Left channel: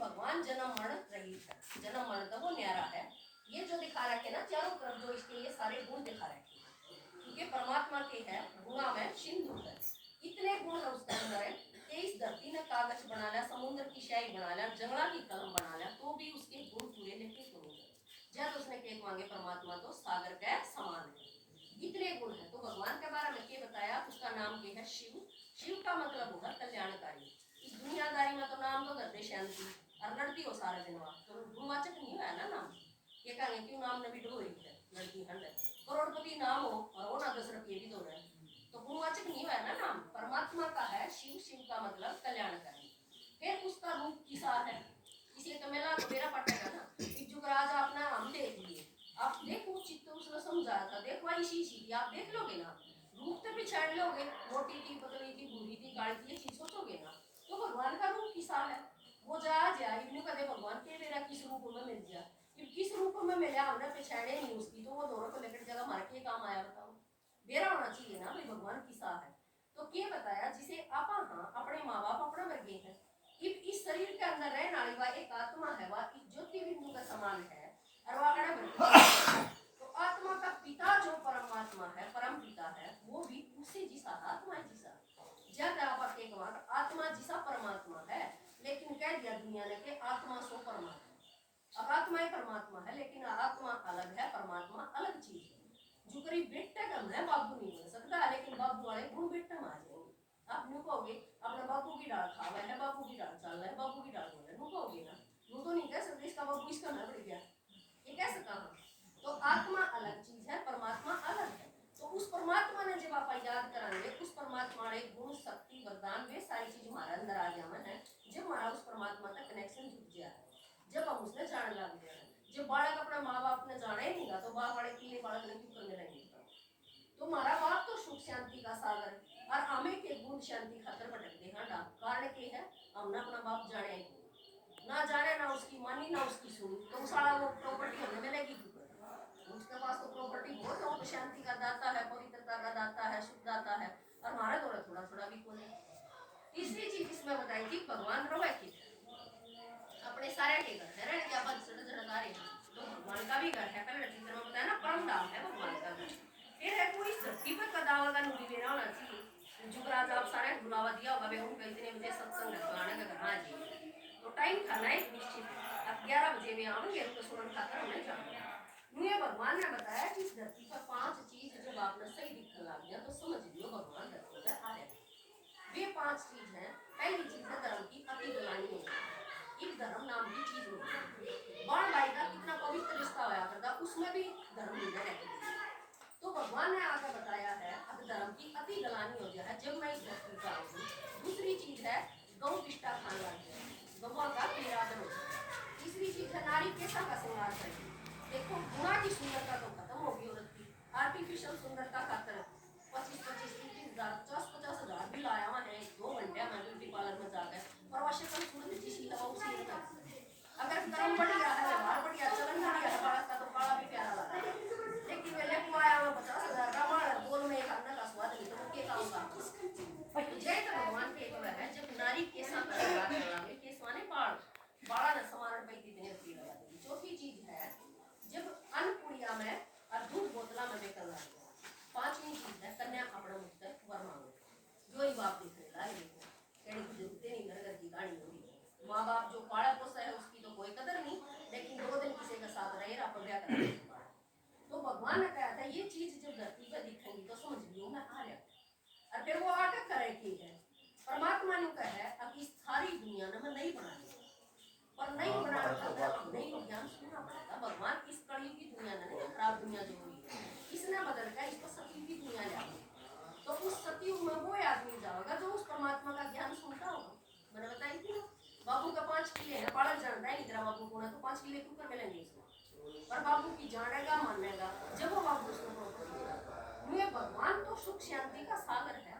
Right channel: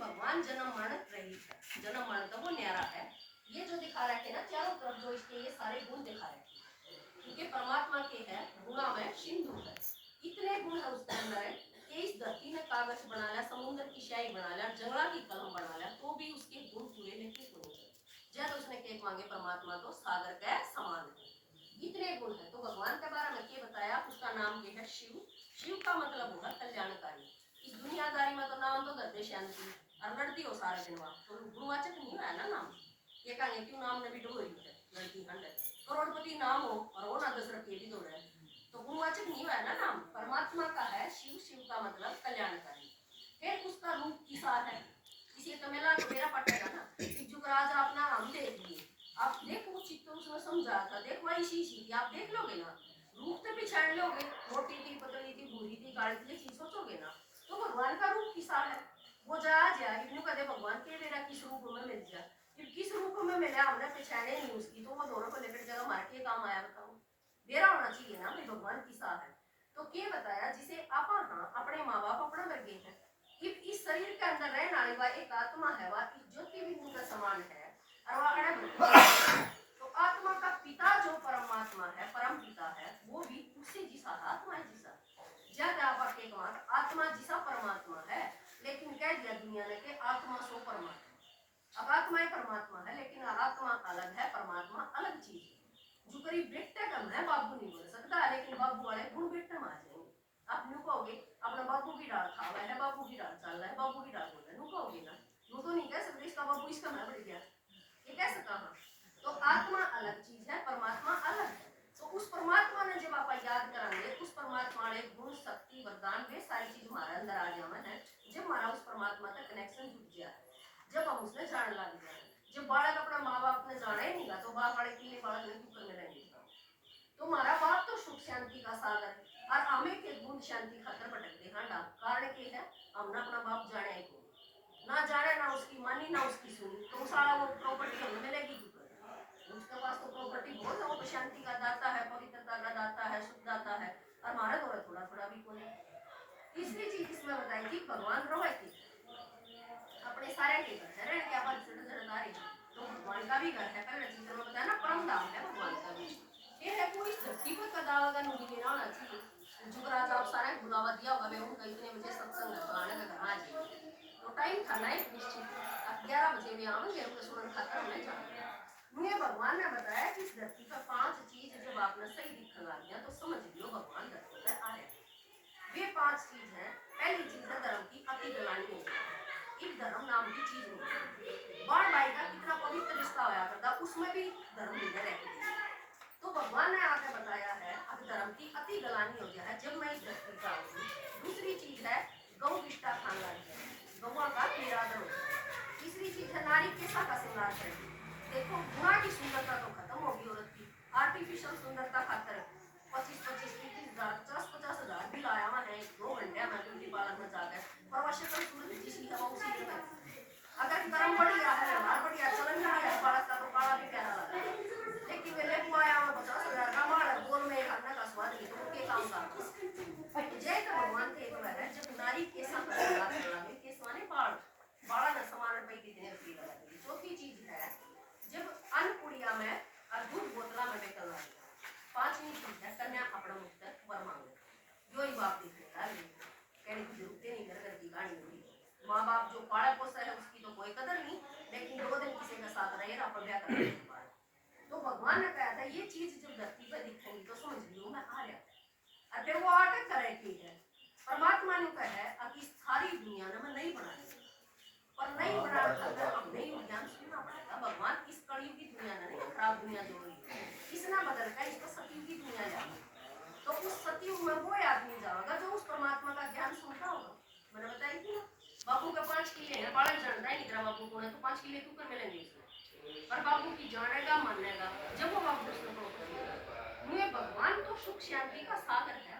भगवान जन्म मरण रहित है, जन्म मरण तो वो न्यारा है। ये जो दिखा रखे ना चारों तरफ जो इसके ये सारे गुण दिखा रखे, क्योंकि परमात्मा के है गुणा में सिंधु है, इतने गुण है उसके अंदर कि इस धरती ने कागज बना लिया, समुद्र की स्याही बना लिया, जंगला की कलम बना लिया, तो भी उसके गुण पूरे नहीं होने जब उसने केक मांगे परमात्मा तो सागर के समान है, इतने गुण है। तो भगवान के बारे में क्या बताया, उसका नाम क्या है शिव। शिव का मतलब होगा कल्याणकारी। इस दुनियादारी में तो नाम तो करते शांति और लड़ती हो सारा दिन वहां, तो गुणवाचक नहीं हुआ ना नाम। ये कहेंगे क्यों नाम ने भी डोरी है लड़की खंड करोड़पति नाम हो और वो ना दशरथ ये भी दो रहे, तो गुणवाचक नहीं हुआ ना नाम। परमात्मा का है शिव, शिव का मतलब कल्याणकारी। फिर उसका रूप किसा है, इसी तो मेला तो मेरा पटेगा ना जुगराज अपना हम देख लिए, आप देखो चित्त उसने समझाया था, देखो इसी थी, आप देख लोगे ना, रूप तो पिछाड़ लोगे, मोटी थी, पतली थी, भूरी थी, काली थी, ये चीज सोचोगे ना। तो भगवान का रूप किसा है, वो जा इन्हों कदे भगवान के मेरा किस रूप में मिल जाए, किस रूप में मिला हमने पहचाने नहीं उसकी, तो वो दोनों को लेकर जगह मार के काम आया, बताओ मेरा होना चाहिए ना भाई भगवान किसा है। तो क्या बताया, जिसे आप हाँ अपने माँ बाप अपना वर्गे हैं, इस शरीर के अंदर रहने वाली वह एक आत्मा है, वह ज्योति बिंदु का समान है, और वह तो आत्मा का पिता जो परमात्मा है, परम पिता है, वो भी उसी जिसा आत्मा है जिसा ज्यादा आप आत्मा जिसा परमात्मा है, लेकिन कह दिया दुनिया ने कि आत्मा सो परमात्मा। अब आत्मा ही परमात्मा है, लेकिन आत्मा अलग है, परमात्मा अलग चीज है। जो करीब बेटा कम है बाबू नहीं बोल सकता, लेकिन बाबू वाले गुण बेटा में आ जाएंगे। आप नु कहोगे अपना बाबू की डाल खा हुआ है, बाबू की डाल चल रहा है, बाबू की डाल बोल रहा है, नु कहोगे ना, नु तो नहीं कह सकते इसका बाबू इसका मैं बढ़ गया, ये कह सकता हाँ। तो आत्मा अलग चीज है, परमात्मा अलग है। तो उस परमात्मा ने जब आप याद कराएंगे, उस परमात्मा ने गुण शक्ति वरदान वे सारी चीज हमारे अंदर आ जावन है, जब हमारा उस परमात्मा का कनेक्शन जुट गया है, जब हम उसने जान लग गया है। जब बालक अपना माँ बाप ने जाना ही नहीं तो बाप वाले किले बालक ने क्यों करने रहेंगे। तो हमारा बाप तो सुख शांति का सागर, और हमें के गुण शांति खातर भटकते हैं डाक, कारण के है हमने अपना बाप जाने ही ना जाने, ना उसकी मानी ना उसकी सुनी, तो सारा वो प्रॉपर्टी हमें मिलेगी क्यों, उसके पास तो प्रॉपर्टी बहुत है, वो तो शांति का दाता है, पवित्रता का दाता है, सुख दाता है, और हमारे द्वारा थोड़ा थोड़ा भी कोई। तीसरी चीज इसमें बताई थी भगवान रोए की अपने सारे के घर है, रहने क्या बात सारे तो भगवान का भी घर है, पहले चित्र में बताया ना परम धाम है भगवान का भी। फिर है कोई धरती पर कदावा का नूरी लेना होना चाहिए, जुगराज आप सारे बुलावा दिया होगा, वे उनका इतने बजे सत्संग है फलाने का घर आ जाइए, तो टाइम था ना एक निश्चित, अब 11 बजे में आवेंगे, उनके सुनन खातर हमें जाना। मुझे भगवान ने बताया कि इस धरती पर 5 चीज जब आपने सही दिखने लग गया तो समझ लियो भगवान धरती पर आ रहे हैं। वे 5 चीज है, पहली चीज है धर्म की अति गलानी होगी, एक धर्म नाम की चीज होती, बड़ भाई का कितना पवित्र रिश्ता होया करता, उसमें भी धर्म नहीं रहती। तो भगवान ने आगे बताया है अब धर्म की अति गलानी हो जाए जब मैं इस धरती पर आऊँ। दूसरी चीज है गौ विष्टा खान लग जाए, गौवा का निरादर हो जाए। तीसरी चीज है नारी केसा का श्रृंगार करेगी, देखो गुणा की सुंदरता तो खत्म होगी औरत की, आर्टिफिशियल सुंदरता खातर 25-25, 30,000, 50-50 भी लाया हुआ है 2 घंटे में ब्यूटी पार्लर में जाकर, पर वह शक्ल सूरत जिसी है वो उसी में। अगर कर्म बढ़िया है, व्यवहार बढ़िया, चलन बढ़िया है, बालक का तो काला भी प्यारा लगता है, लेकिन वे लेको आया हुआ 50,000 का माल बोल में खाना का स्वाद नहीं, तो के काम का तो जय तो भगवान के एक है जब नारी केसा का श्रृंगार करावे, केस माने बाल, बाला न समान पे इतने रुपये लगा देगी। चौथी चीज है जब अन्नपुड़िया में और दूध बोतला में बेकल लग गया। पांचवी चीज है कन्या अपना मुक्त वर मांगे, जो ही बाप दिखने लगे कहने की जरूरत नहीं, घर घर की कहानी हो रही, माँ बाप जो पाला पोसा है उसकी तो कोई कदर नहीं, लेकिन 2 दिन किसी का साथ रहे आप ब्याह करने के बाद। तो भगवान ने कहा था ये चीज जब धरती पर दिखेंगी तो समझ लियो मैं आ रहा, और फिर वो आटे करे की है परमात्मा ने कहा है अब इस सारी दुनिया ने मैं नहीं बनाई, पर नहीं बना खातर अब नहीं ज्ञान सुनना पड़ेगा। भगवान इस कलयुग की दुनिया ने नहीं, खराब दुनिया जो हुई इसने बदल कर इसको सतयुग की दुनिया जाएगी, तो उस सतयुग में वो आदमी जाएगा जो उस परमात्मा का ज्ञान सुनता होगा। मैंने बताई थी ना बाबू का 5 किले है, बालक जानता है नहीं तेरा बाबू कौन है, तो 5 किले क्यों कर मिलेंगे इसमें, पर बाबू की जानेगा मानेगा जब वो बाबू उसको मुझे भगवान तो सुख शांति का सागर है,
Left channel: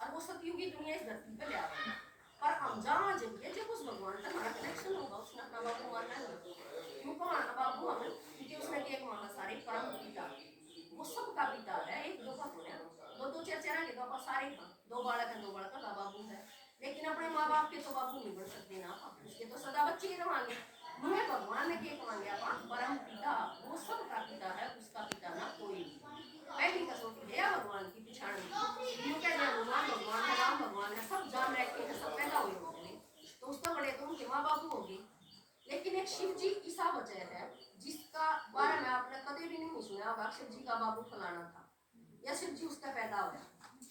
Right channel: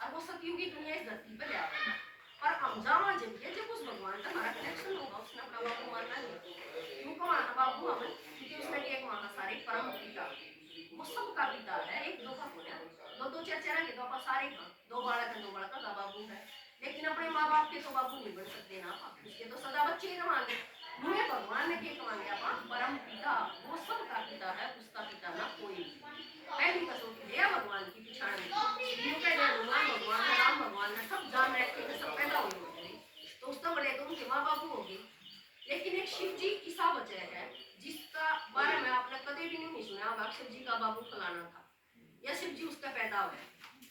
और वो सतयुगी दुनिया इस धरती पर ले आएगा, पर हम जावा जब ये जब उस भगवान का हमारा कनेक्शन होगा, उसने अपना बाबू मानना नहीं, क्योंकि बाबू हमें क्योंकि उसने एक वहाँ सारे परम पिता, वो सबका पिता है, एक दो का बोले दो दो चार चार के दो पर सारे का 2 बालक है, 2 बालक का बाबू है, लेकिन अपने माँ बाप के तो बाबू नहीं बन सकते ना, उसके तो सदा बच्चे ही के कमांगे अपन परम पिता, वो सबका पिता है, उसका पिता ना कोई नहीं। पहली कसौटी है भगवान की पिछाड़ में, यूं कह दे हनुमान भगवान है, राम भगवान है, सब जान रखे हैं, सब पैदा हुए होते हैं, तो उससे बड़े तो उनके माँ बाप होंगे। लेकिन एक शिव जी ईसा बचे है, जिसका बारे में आपने कभी भी नहीं सुना होगा शिव जी का बाबू फलाना था या शिव जी उसका पैदा हुआ है,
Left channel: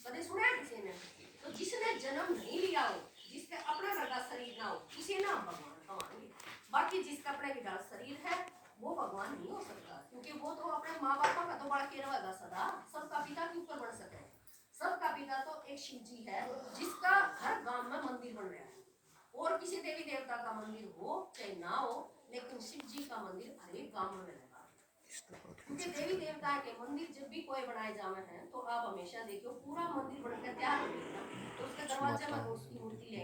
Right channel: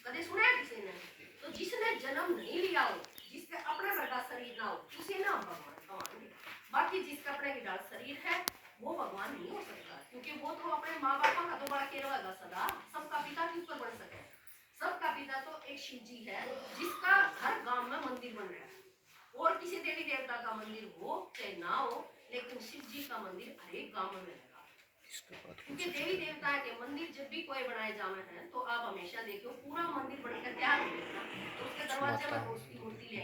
कभी सुना है किसी ने? तो जिसने जन्म नहीं लिया हो, जिसके अपने घर का शरीर ना हो, उसे ना हम भगवान कमाएंगे। बाकी जिसका अपने गिटार शरीर है वो भगवान नहीं हो सकता, क्योंकि वो तो अपने माँ बाप का तो बड़ा केयर रहेगा सदा, सबका पिता के ऊपर बन सके। सबका पिता तो एक शिव जी है, जिसका हर गांव में मंदिर बन रहा है। और किसी देवी देवता का मंदिर हो चाहे ना हो, लेकिन शिव जी का मंदिर हर एक गांव में मिलेगा। क्योंकि देवी देवता के मंदिर जब भी कोई बनाए जावे हैं, तो आप हमेशा देखो पूरा मंदिर बनकर तैयार हो गया ना, तो उसके दरवाजे में तो उसकी मूर्ति ले